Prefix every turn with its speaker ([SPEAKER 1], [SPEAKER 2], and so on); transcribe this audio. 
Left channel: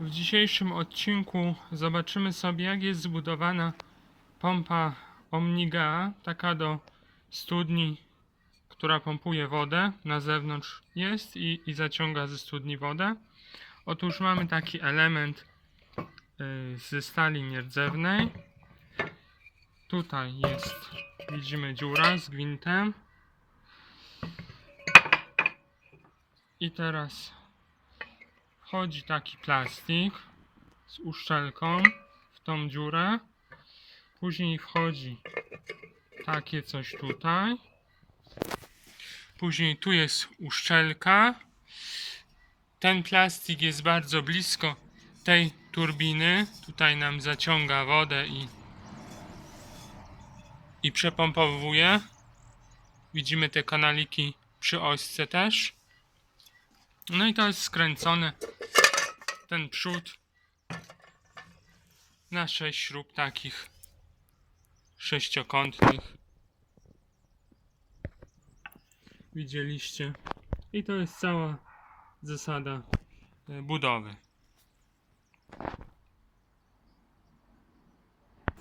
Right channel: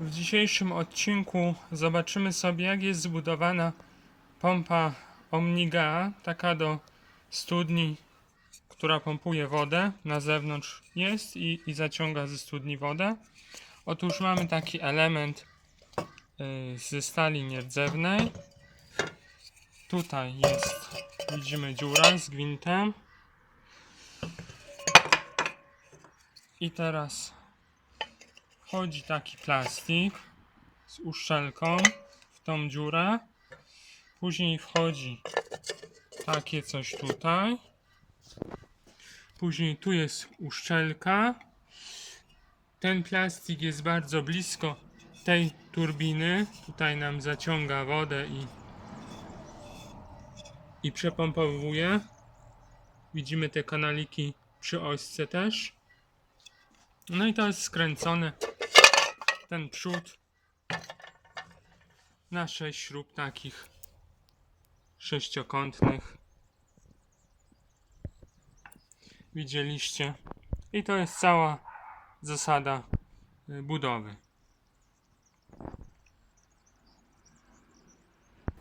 [SPEAKER 1] W dzisiejszym odcinku zobaczymy sobie, jak jest zbudowana pompa Omniga, taka do studni, która pompuje wodę. Na zewnątrz jest i, i zaciąga ze studni wodę. Otóż mamy taki element y, ze stali nierdzewnej. Tutaj jest, widzimy dziura z gwintem. I teraz wchodzi taki plastik z uszczelką w tą dziurę. Później wchodzi takie coś tutaj. Później tu jest uszczelka. Ten plastik jest bardzo blisko tej turbiny. Tutaj nam zaciąga wodę i, i przepompowuje. Widzimy te kanaliki przy ośce też. No i to jest skręcone. Ten przód na sześć śrub takich sześciokątnych. Widzieliście. I to jest cała zasada y, budowy.